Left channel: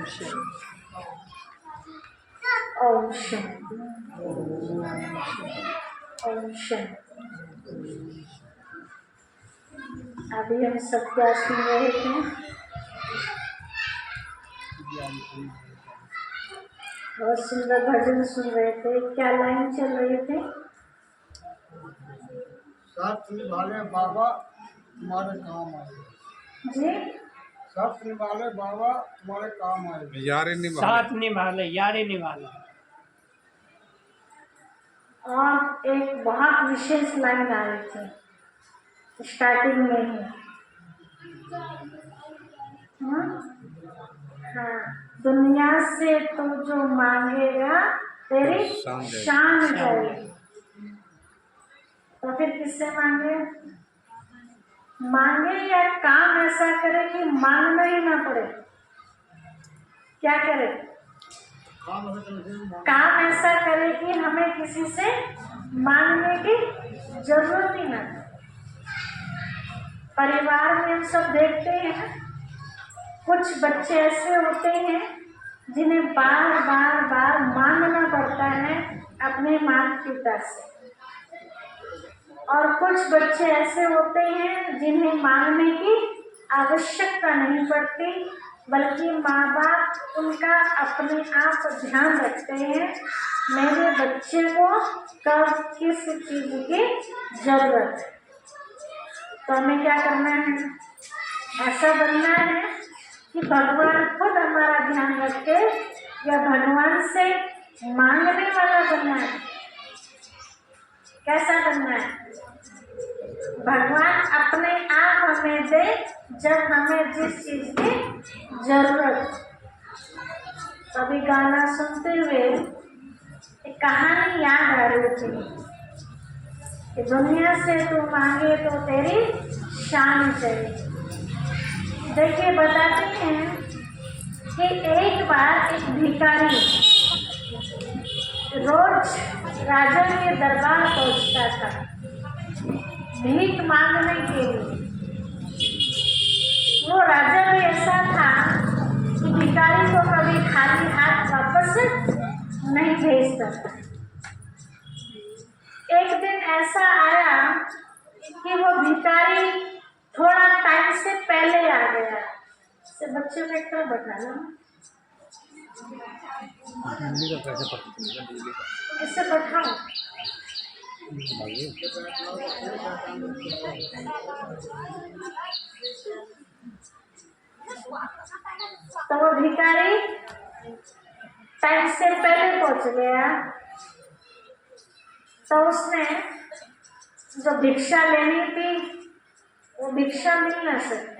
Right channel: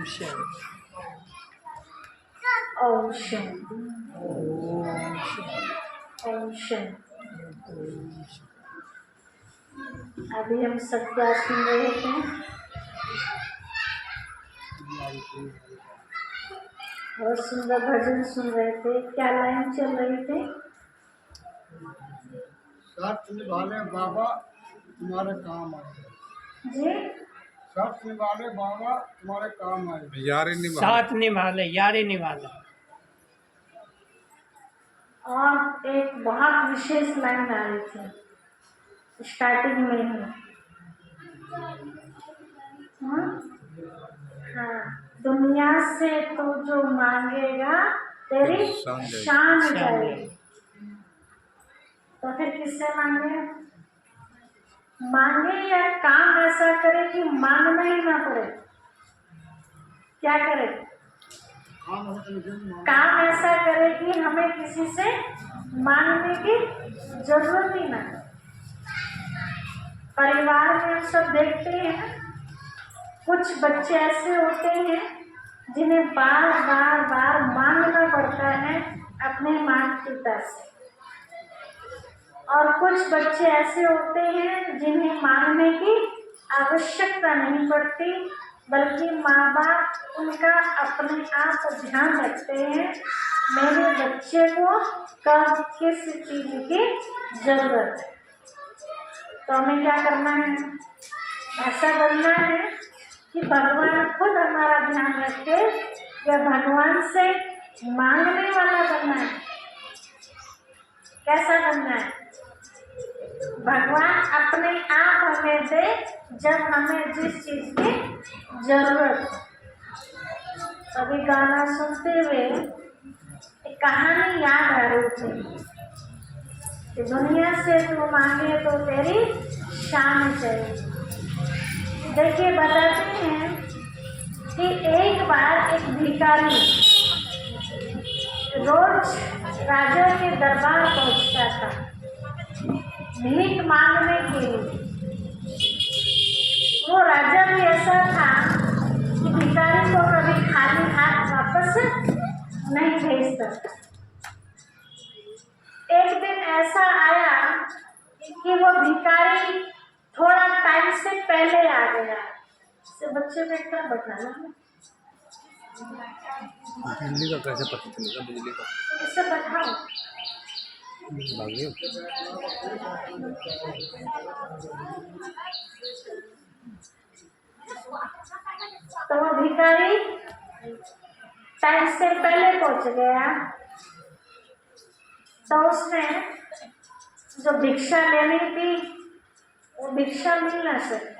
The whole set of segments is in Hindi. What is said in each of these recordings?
ओम शांति। ओम शांति। अभी हम सब क्या सुन रहे थे? बहुत सुंदर भजन सुन रहे थे। क्या लाइन चल रही थी? शर्त निभाले बाबा तुम्हारे काम आए। जी, शर्त निभाले बाबा तुम्हारे काम आए। यारे निभाले, साथ निभाले, यारे निभाले। और एक बहुत विशेष लाइन आ रही थी स्टार्टिंग में ही। हाँ, दुनिया से तो जो मांगेगा तेरी शान जाएगी। तो फिर किससे मांगे? मांगे या काम ऐसा करे कि मांगना ही ना पड़े। क्या करे? काम ऐसा करे कि हमें किसी से मांगने की जरूरत ही ना। परिवार में हम सब देखते हैं, कुछ बच्चे ऐसे होते हैं जिन्हें बार बार बार मांगना पड़ता है अपने माता पिता से, और कुछ बच्चे ऐसे होते हैं जिन्हें मांगने की आवश्यकता नहीं पड़ती, बल्कि माँ बाप उनका अपने आप ध्यान रखते हैं मेरे बच्चे को कब किस चीज़ की जरूरत है। तो हमें क्या करना है? ऐसा बनना है कि भगवान खुद हमारा ध्यान रखे, या भगवान से मांगने वाला बनना है। कैसा बनना है? भगवान अपने आप हमें दे जब हमें जिस चीज़ की जरूरत। कभी गाना सुनते हुए एक कहानी याद आ रही थी कि दुनिया से तू मांगे तो तेरी शान चाहिए। देखिए, बताते हैं कि एक बार एक भिखारी रोज राजा के दरबार पहुंचता था भीख मांगने के लिए। वो राजा भी ऐसा था कि भिखारी को कभी खाली हाथ वापस नहीं भेजता था। एक दिन ऐसा आया कि वो भिखारी थोड़ा टाइम से पहले आ गया। से बच्चे को एक तरह बैठाना, बिजली का कैसे पता चलेगा? बिजली का इससे बैठाओ। तो वो भिखारी टाइम से पहले पहुंच गया, तो उसने जो भिक्षा लेनी थी वो भिक्षा मिल न सकी।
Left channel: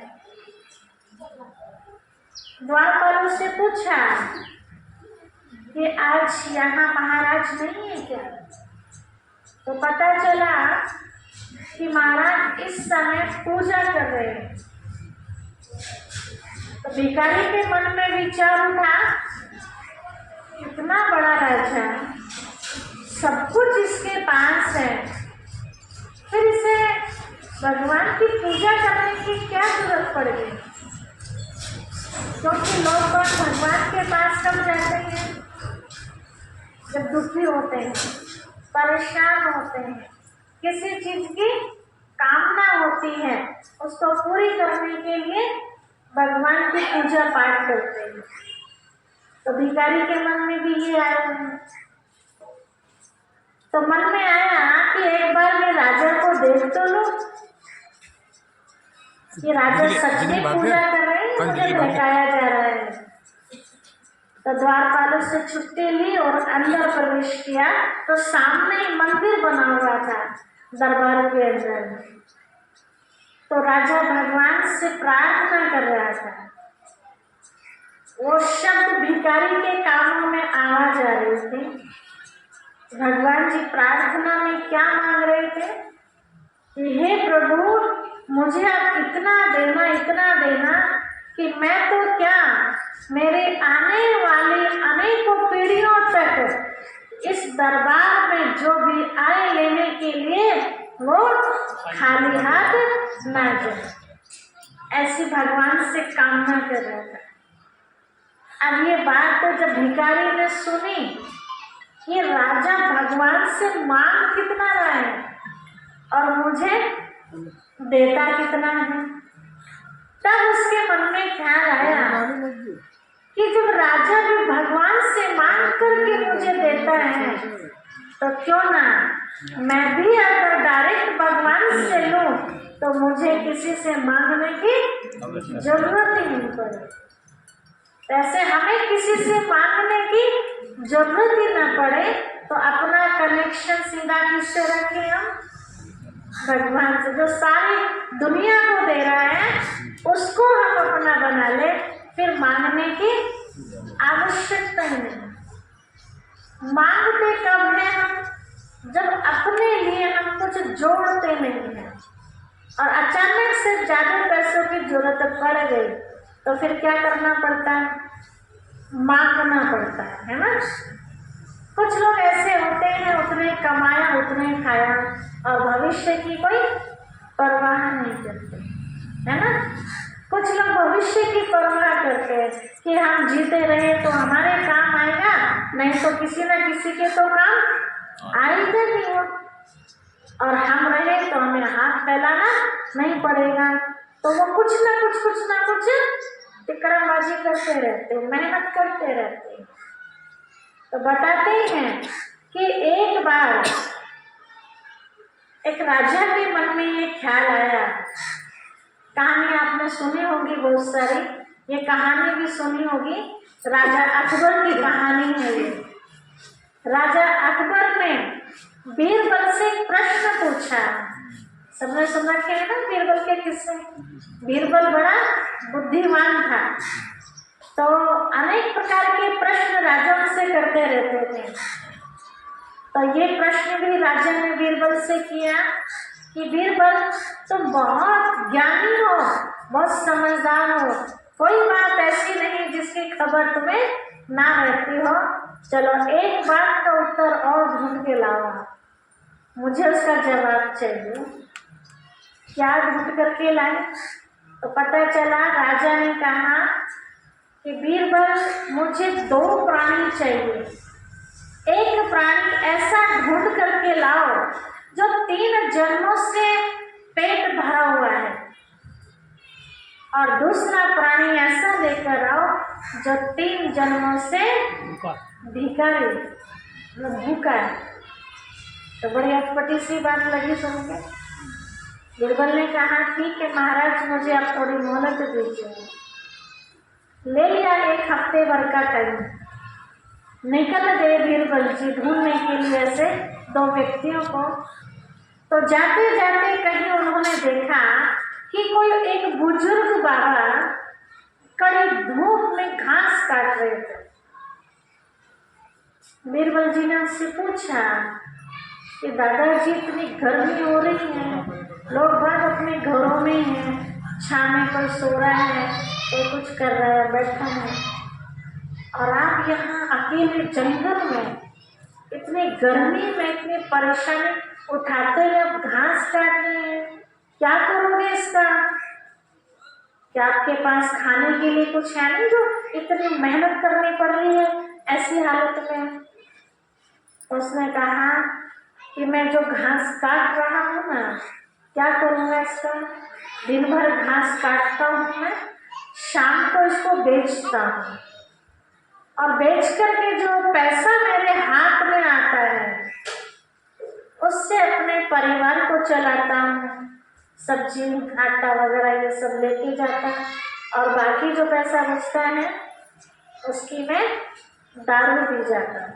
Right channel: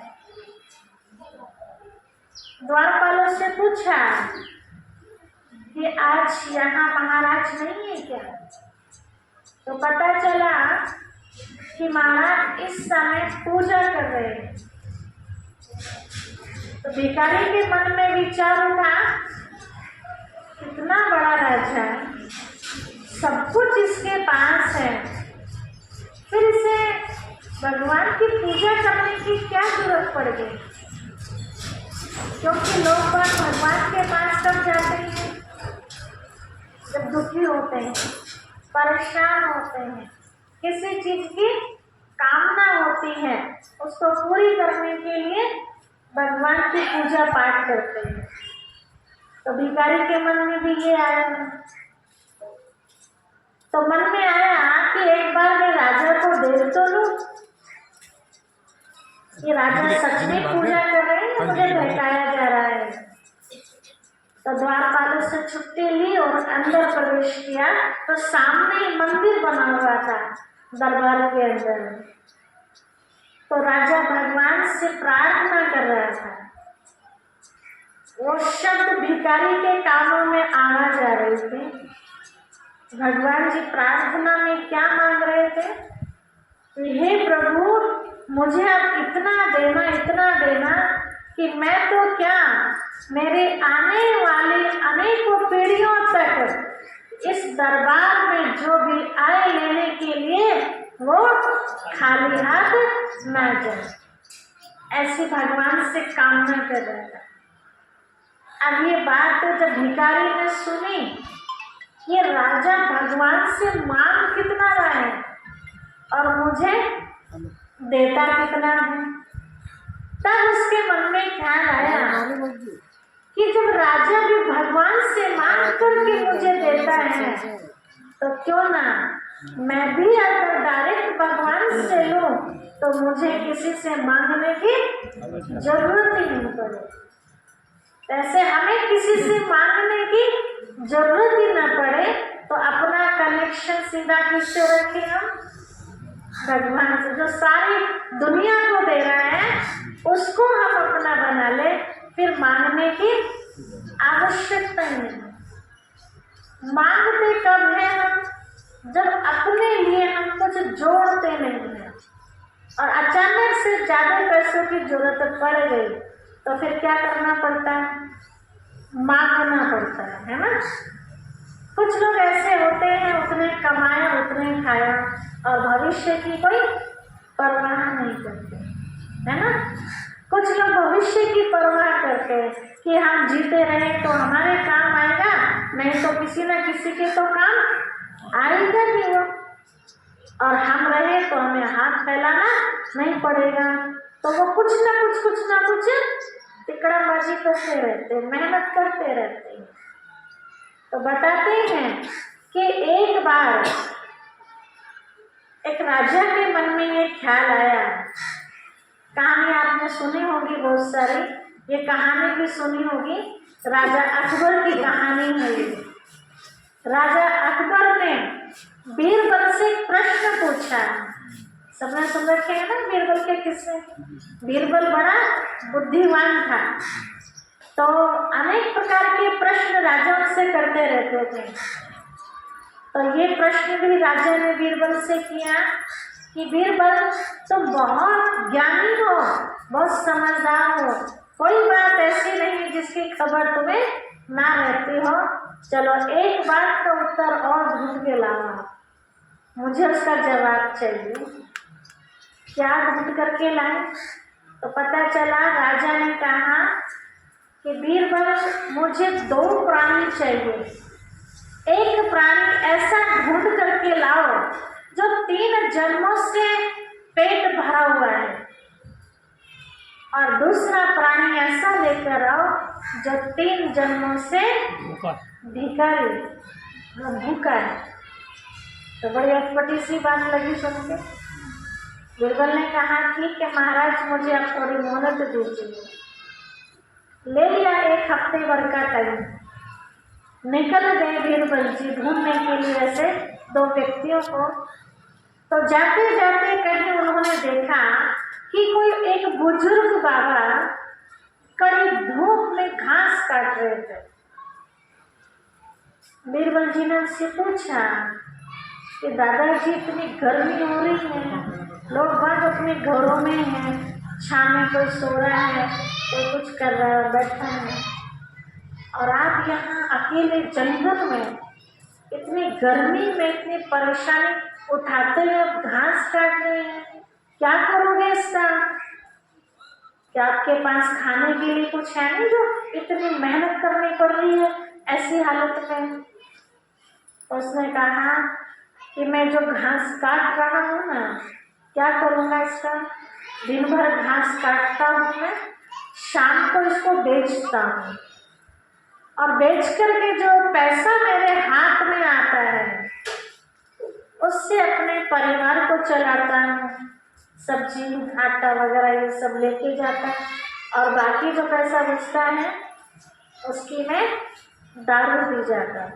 द्वारपालों से पूछा कि आज यहाँ महाराज नहीं है क्या? तो पता चला कि महाराज इस समय पूजा कर रहे हैं। तो भिखारी के मन में विचार उठा, इतना बड़ा राजा, सब कुछ इसके पास है, फिर इसे भगवान की पूजा करने की क्या जरूरत पड़ गई? क्योंकि लोग भगवान के पास कब जाते हैं? जब दुखी होते हैं, परेशान होते हैं, किसी चीज की कामना होती है, उसको पूरी करने के लिए भगवान की पूजा पाठ करते हैं। तो भिखारी के मन में भी ये आया। तो मन में आया कि एक बार मैं राजा को देख तो लूं, ये राजा सच में पूजा कर रहे हैं, मुझे बहकाया जा रहा है। तो द्वारपालों से छुट्टी ली और अंदर प्रवेश किया, तो सामने ही मंदिर बना हुआ था दरबार के अंदर। तो राजा भगवान से प्रार्थना कर रहा था। वो शब्द भिखारी के कानों में आवाज आ रही थी। भगवान जी प्रार्थना में क्या मांग रहे थे? हे प्रभु, मुझे अब इतना देना कि मैं तो क्या, मेरे आने वाली अनेकों पीढ़ियों तक इस दरबार में जो भी आए लेने के लिए वो खाली हाथ न जाए। ऐसी भगवान से कामना कर रहा था। अब ये बात जब भिखारी ने सुनी, ये राजा भगवान से मांग कितना रहा है और मुझे देता कितना है, तब उसके मन में ख्याल आया कि जब राजा भी भगवान से मांग करके मुझे देता है तो क्यों ना मैं भी अगर डायरेक्ट भगवान से लूं तो मुझे किसी से मांगने की जरूरत ही नहीं पड़े। ऐसे हमें किसी से मांगने की जरूरत ही ना पड़े तो अपना कनेक्शन सीधा किससे रखें हम? भगवान से, जो सारी दुनिया को दे रहा है उसको हम अपना बना ले, फिर मांगने की आवश्यकता ही नहीं। मांगते कब है हम? जब अपने लिए हम कुछ जोड़ते नहीं हैं और अचानक से ज़्यादा पैसों की जरूरत पड़ गई तो फिर क्या करना पड़ता है? मांगना पड़ता है ना। कुछ लोग ऐसे होते हैं, उतने कमाया उतने खाया और भविष्य की कोई परवाह नहीं करते, है ना। कुछ लोग भविष्य की परवाह करते हैं कि हम जीते रहे तो हमारे काम आएगा, नहीं तो किसी न किसी के तो काम आएगा ही वो, और हम रहे तो हमें हाथ फैलाना नहीं पड़ेगा। तो वो कुछ ना कुछ टिकड़ाबाजी करते रहते, मेहनत करते रहते। तो बताते हैं कि एक बार एक राजा के मन में ये ख्याल आया। कहानी आपने सुनी होगी बहुत सारी, ये कहानी भी सुनी होगी, राजा अकबर की कहानी है ये। राजा अकबर ने बीरबल से एक प्रश्न पूछा। सबने सुन रखे हैं ना बीरबल के किस्से। बीरबल बड़ा बुद्धिमान था, तो अनेक प्रकार के प्रश्न राजा उनसे करते रहते थे। तो ये प्रश्न भी राजा ने बीरबल से किया कि बीरबल तुम बहुत ज्ञानी हो, बहुत समझदार हो, कोई बात ऐसी नहीं जिसकी खबर तुम्हें ना रहती हो। चलो एक बात का उत्तर और ढूंढ के लाओ, मुझे उसका जवाब चाहिए। क्या ढूंढ करके लाए? तो पता चला राजा ने कहा कि बीरबल मुझे 2 प्राणी चाहिए। एक प्राणी ऐसा ढूंढ करके लाओ जो 3 जन्मों से पेट भरा हुआ है, और दूसरा प्राणी ऐसा लेकर आओ जो 3 जन्मों से भिखारी भूखा है। तो बड़ी अटपटी सी बात लगी सुन के। बीरबल ने कहा ठीक है महाराज, मुझे आप थोड़ी मोहलत दीजिए। ले लिया 1 हफ्ते भर का टाइम। निकल गए बीरबल जी ढूंढने के लिए ऐसे 2 व्यक्तियों को। तो जाते जाते कहीं उन्होंने देखा कि कोई एक बुजुर्ग बाबा कड़ी धूप में घास काट रहे थे। बीरबल जी ने उनसे पूछा कि दादाजी इतनी गर्मी हो रही है, लोग बाग अपने घरों में हैं, छाँव में कोई सो रहा है, कोई कुछ कर रहा है, बैठा है, और आप यहाँ अकेले जंगल में इतनी गर्मी में इतनी परेशानी उठाते हुए आप घास काट रहे हैं, क्या करोगे इसका? क्या आपके पास खाने के लिए कुछ है नहीं जो इतनी मेहनत करनी पड़ रही है ऐसी हालत में? उसने कहा कि मैं जो घास काट रहा हूँ ना, क्या करूँगा इसका? दिन भर घास काटता हूँ मैं, शाम को इसको बेचता हूँ, और बेच करके जो पैसा मेरे हाथ में आता है उससे अपने परिवार को चलाता हूँ। सब्जी आटा वगैरह ये सब लेके जाता है, और बाकी जो पैसा बचता है उसकी मैं दारू पी जाता हूँ।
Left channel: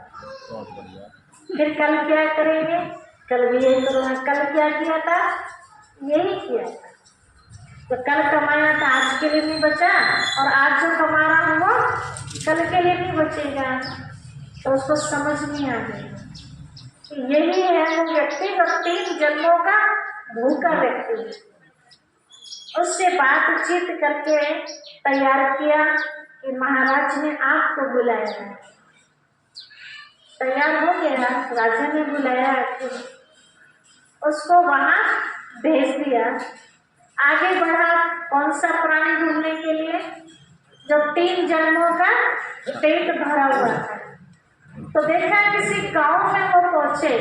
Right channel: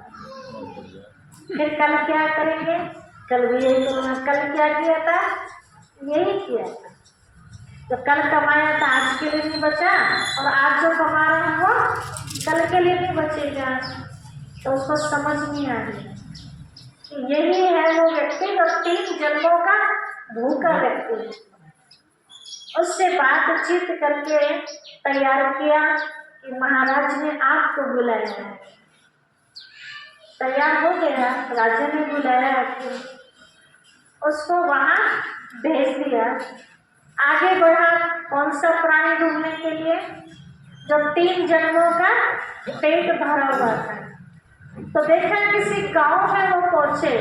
फिर कल क्या करेंगे? कल भी यही करूँगा। कल क्या किया था? यही किया था। तो कल कमाया था आज के लिए नहीं बचा, और आज जो कमा रहा हूँ वो कल के लिए नहीं बचेगा। तो उसको समझ नहीं आ रही। यही है वो व्यक्ति जो 3 जन्मों का भूखा व्यक्ति है। उससे बातचीत करके तैयार किया कि महाराज ने आपको बुलाया है। तैयार हो गया, राजा ने बुलाया कि उसको वहाँ भेज दिया। आगे बढ़ा कौन सा प्राणी ढूंढने के लिए? जो 3 जन्मों का पेट भरा हुआ था। तो देखा किसी गांव में वो पहुंचे,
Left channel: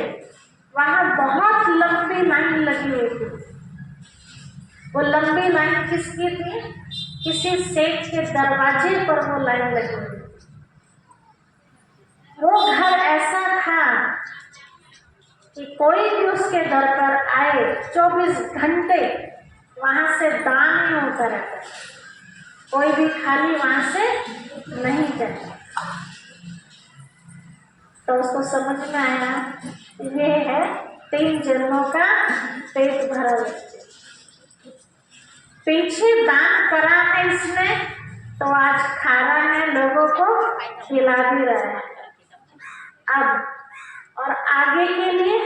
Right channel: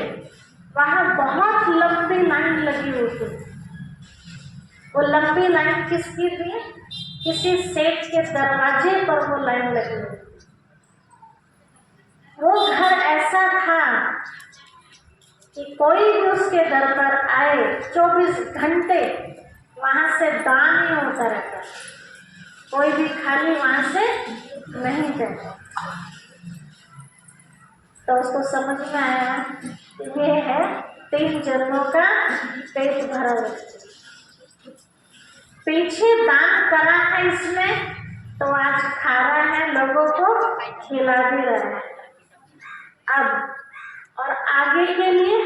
वहां बहुत लंबी लाइन लगी हुई थी। वो लंबी लाइन किसकी थी? किसी सेठ के दरवाजे पर वो लाइन लगी हुई थी। वो घर ऐसा था कि कोई भी उसके दर पर आए 24 घंटे वहां से दान ही होता रहता, कोई भी खाली वहां से नहीं जाता। तो उसको समझ में आया ये है 3 जन्मों का पेट भरा व्यक्ति। पीछे दान करा है इसने, तो आज खा रहा है, लोगों को खिला भी रहा है। अब और आगे के लिए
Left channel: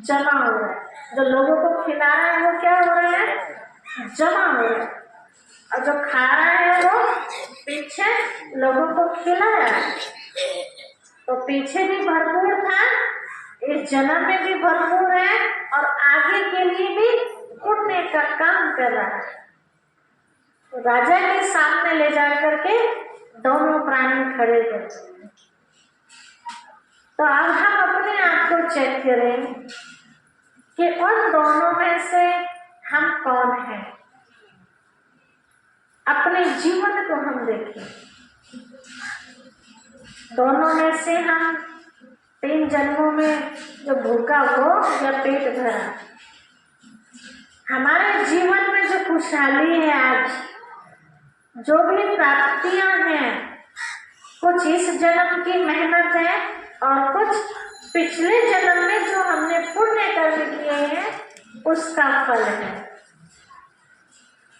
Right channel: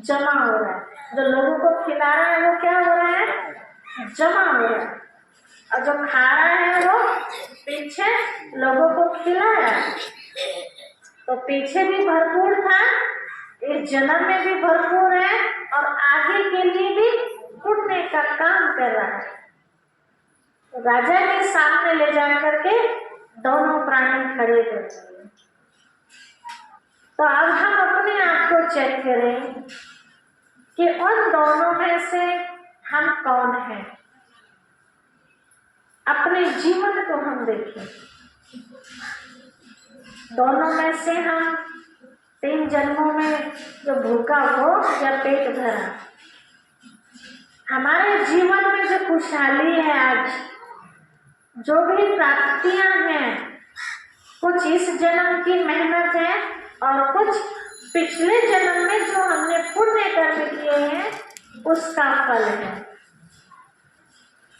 जमा हो रहा है। जो लोगों को खिला रहा है वो क्या हो रहा है? जमा हो रहा है। और जो खा रहा है वो पीछे लोगों को खिलाया। तो पीछे भी भरपूर था, इस जन्म में भी भरपूर है, और आगे के लिए भी पुण्य का काम कर रहा है। तो राजा के सामने ले जाकर के दोनों प्राणी खड़े करते हैं। तो अब हम अपने आप को चेक करें कि उन दोनों में से हम कौन हैं। अपने जीवन को हम देखें। दोनों में से हम 3 जन्मों में जो भूखा हो या पेट भरा, हमारे जीवन में जो खुशहाली है, आज जो भी प्राप्तियां हैं, कुछ इस जन्म की मेहनत है और कुछ पिछले जन्म में जो हमने पुण्य कर्म किए हैं उसका फल है।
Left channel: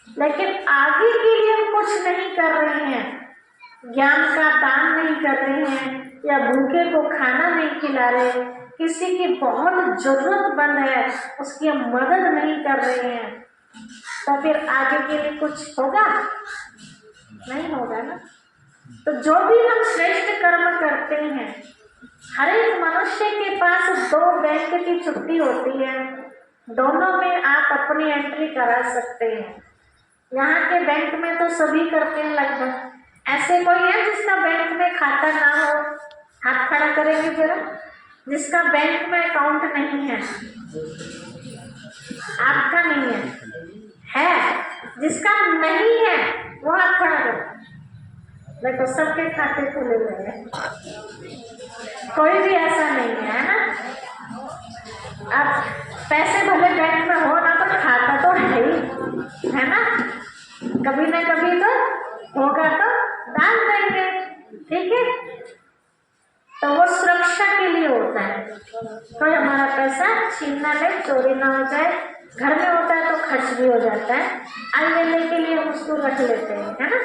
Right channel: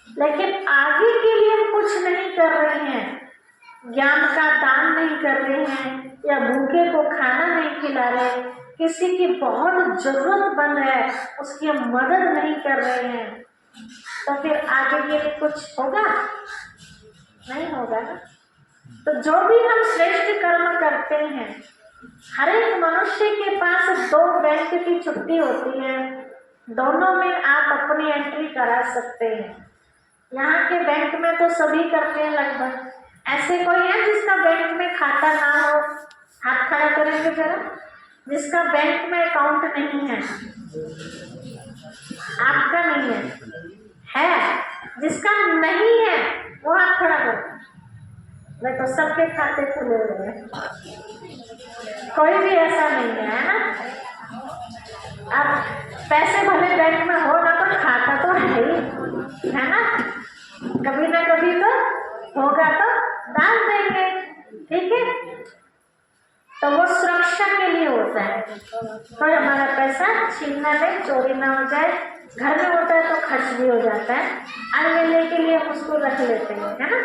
लेकिन आगे के लिए हम कुछ नहीं कर रहे हैं, ज्ञान का दान नहीं कर रहे हैं, या भूखे को खाना नहीं खिला रहे, किसी की बहुत जरूरतमंद है उसकी हम मदद नहीं कर रहे हैं, तो फिर आगे के लिए कुछ होगा? नहीं होगा ना। तो जो भी हम श्रेष्ठ कर्म करते हैं, हर एक मनुष्य के पास 2 बैंक की छुट्टी होती है, दोनों में आप अपनी एंट्री करा सकते हैं। यहाँ के बैंक में तो सभी करते हैं लगभग। ऐसे कोई है जिसका बैंक में खाता ना हो? हाथ खड़ा करेंगे जरा। जिसका बैंक में अकाउंट नहीं है, आपका नहीं है, जिसका नहीं है वो हाथ खड़ा करो। देखो सबके खाते खुले हुए हैं, कोई भी ऐसा नहीं है ना। अब पैसे भले बैंक में हो ना, तो खाता तो है ही, है ना। कभी ना कभी तो होगा तो डाल देंगे, ठीक है। तो वो सुरक्षा के लिए होता है, कोई हमारा पैसा छीन ना ले, चोरी ना हो जाए। घर में होता है तो खर्च भी हो जाता है, आने के लिए हम उसको रख लेते हैं, है ना।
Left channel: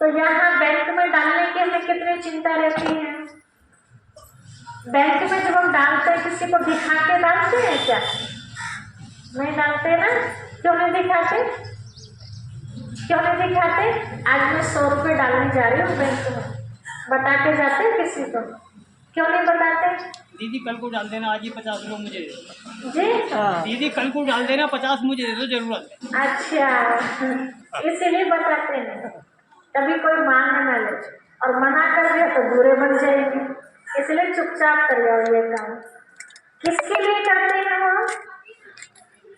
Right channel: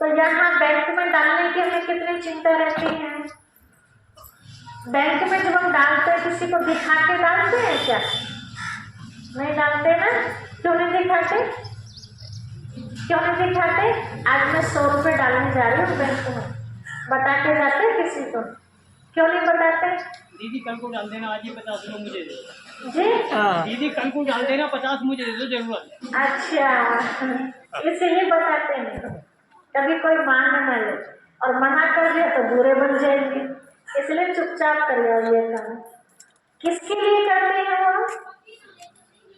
तो यहाँ बैंक में डालने की हमें कितनी चिंता रहती है। बैंक में जब हम डालते हैं, किसी को दिखा के डालते हैं क्या? नहीं डालते ना। क्यों नहीं दिखाते? क्यों नहीं दिखाते? आज मैं 100 रुपये डालने जा रही हूँ बैंक में, बता के जाते किसी को? क्यों नहीं बताते? दीदी कल को डाल देना, आज ही 50 रुपये मुझे दे दो। जी दीदी कल को डाल देना, 50 मुझे दे दो, जरूरत। अच्छा, इसीलिए बताते नहीं, कभी कोई मांग ना ले, और मना कर दिया तो बुरे बन जाएंगे, इसलिए चुपचाप कर जाओ ये काम। किसके लिए करते हैं वो?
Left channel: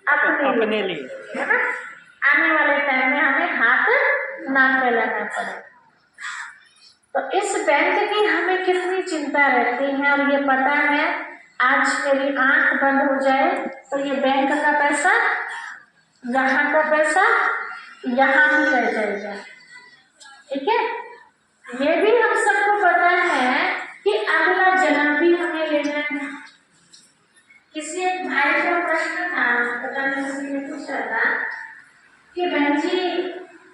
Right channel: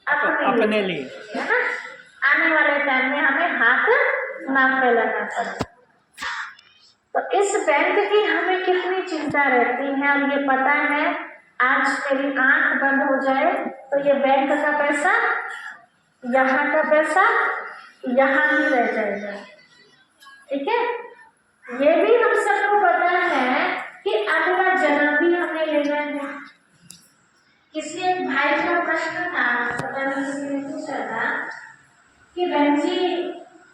अपने लिए, है ना। आने वाले टाइम में हमें हाथ ना फैलाना पड़े। तो इस बैंक की हमें कितनी चिंता रहती है, और ये पता है आज मेरी आंख बंद हो जाए तो ये बैंक का पैसा, यहाँ का पैसा यहाँ ही रह जाएगा, ठीक है। ये भी हम सबको पता है कि अगला जन्म भी हमें लेना है। किसी एक भाई का प्रश्न था, पता नहीं किसी ने पूछा था कि बहन जी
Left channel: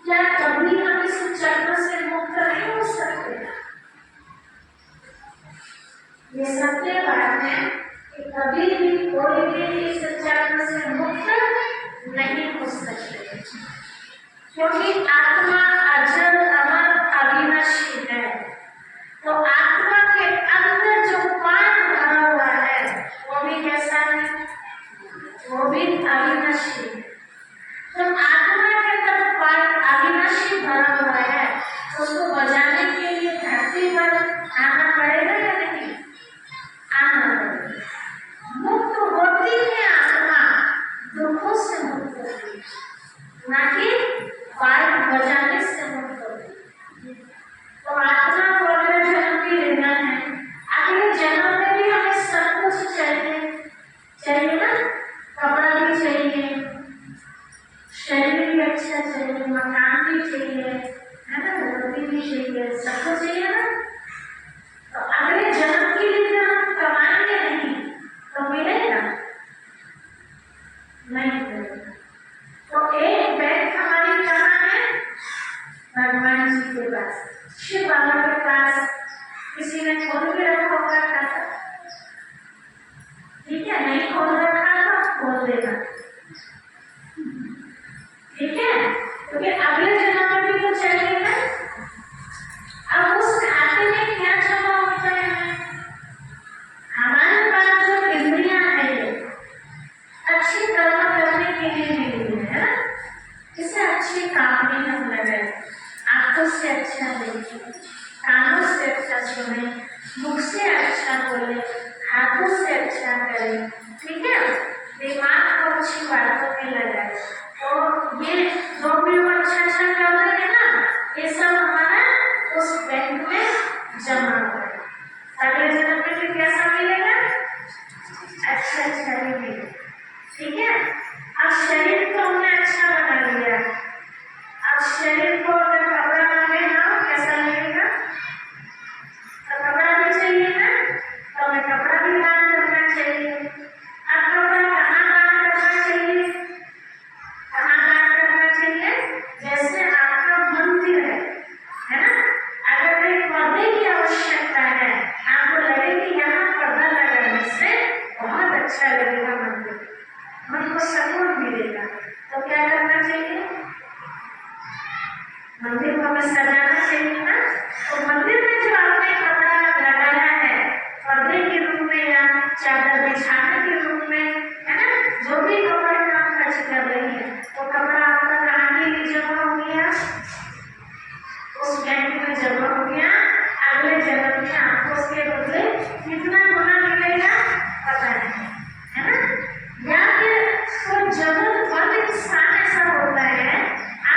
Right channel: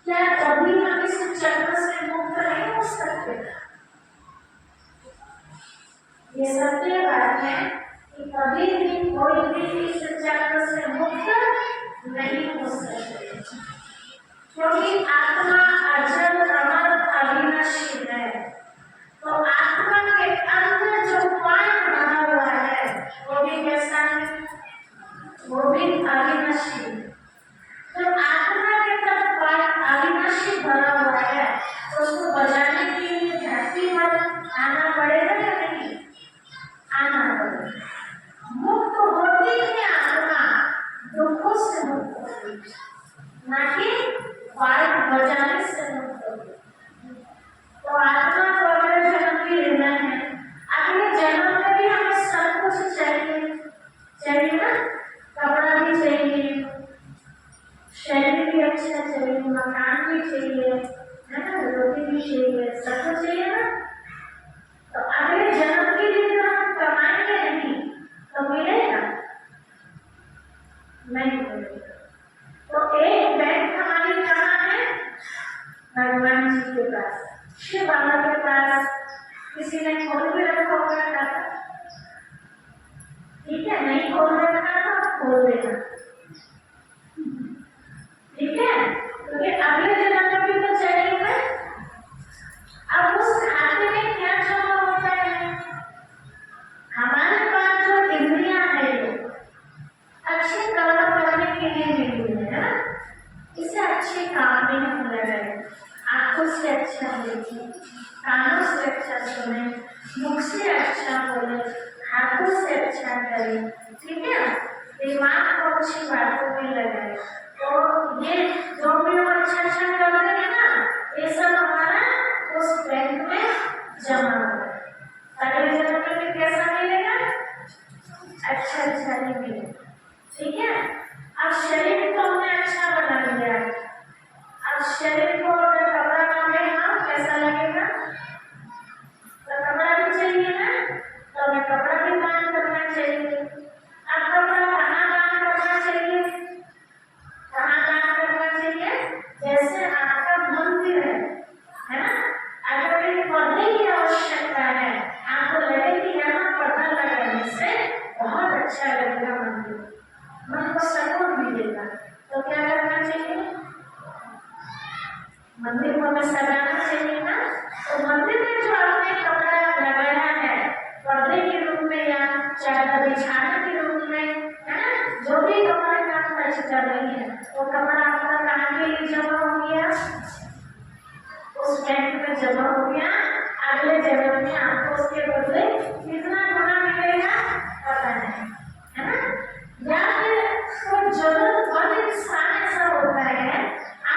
क्या कभी हम इस चक्र से मुक्त नहीं हो सकते? ये सत्य बात है कि कभी भी कोई भी इस चक्र से मुक्त नहीं हो सकते, क्योंकि आत्मा अजर अमर अविनाशी है। तो आत्मा के अंदर जो पान भरा हुआ है वो भी कैसा है? वो भी अविनाशी है। तो आत्मा के अंदर पान अविनाशी भरा हुआ है, जाने के लिए धरती पर आना पड़ेगा या नहीं? आना पड़ेगा। मुक्त होती है आत्मा, दुखों से मुक्त होती, ना कि वायु बजाने से मुक्त होती। तो आत्मा को अगले जन्म भी लेना है। अगले जन्म में भी हमें सब कुछ चाहिए, चाहिए ना, कपड़ा भी चाहिए, शरीर भी अच्छा चाहिए, मकान भी चाहिए, है ना, रोटी भी चाहिए, सब कुछ चाहिए ना। तो अगले जन्म के लिए हम कमाएंगे नहीं तो मिलेगा नहीं मिलेगा। तो एक बैंक हमारी कहाँ है? भगवान जी के पास, शिव बाबा के पास। किसी ने खोल के रखा होगा खाता, ठीक है, नहीं खोल रखा तो खोल देना, ठीक है, क्योंकि अगले जन्म में भी तो चाहिए ना। अब उस खाते में क्या जमा होता है? हमारे पास जो इंद्रियां है ये अच्छे कर्म करने के लिए मिली है ना, इसे अच्छे काम में हम लगाए। आंखों से अच्छा देखिए, कानों से अच्छा सुने, मुख से अच्छा बोले, हाथों से अच्छा करें, ठीक है, दिमाग को अच्छी बातों में लगाए। तो ये जो भी हम अच्छा अच्छा कर रहे हैं ना, ये सब हमारा उस बैंक में जमा हुआ है। अगले जन्म में फिर कैसा मिलेगा? अच्छा अच्छा ही मिलेगा, ठीक है। अब शरीर को हमने अच्छा बना लिया, अब शरीर को अगर कपड़ा ना लेना कैसा लगेगा? तो कपड़ा भी चाहिए ना, तो हमें कपड़ा भी दान करना चाहिए। अब कपड़ा कहाँ दान करना चाहिए? कहाँ दान करना चाहिए? जैसे आपका मंदिर है ना, अगर एक पर्दे की आवश्यकता है, आपको लगे कि यहाँ पर्दा लगाने से बहुत अच्छा लगेगा मंदिर, मन को सुकून मिलेगा, तो क्या करना चाहिए? मंदिर को हमें सजाना चाहिए ना। तो मंदिर में जो आपने कपड़ा लगाया है, पर्दे के रूप में या चादर बिछाने के रूप में, है ना, जो भी कपड़ा काम खर्च कर रही है, वो कपड़ा आपका कहाँ के लिए जमा हो गया? उस बैंक में जमा हो गया। अगले जन्म में आपको उसके बदले कितना गुना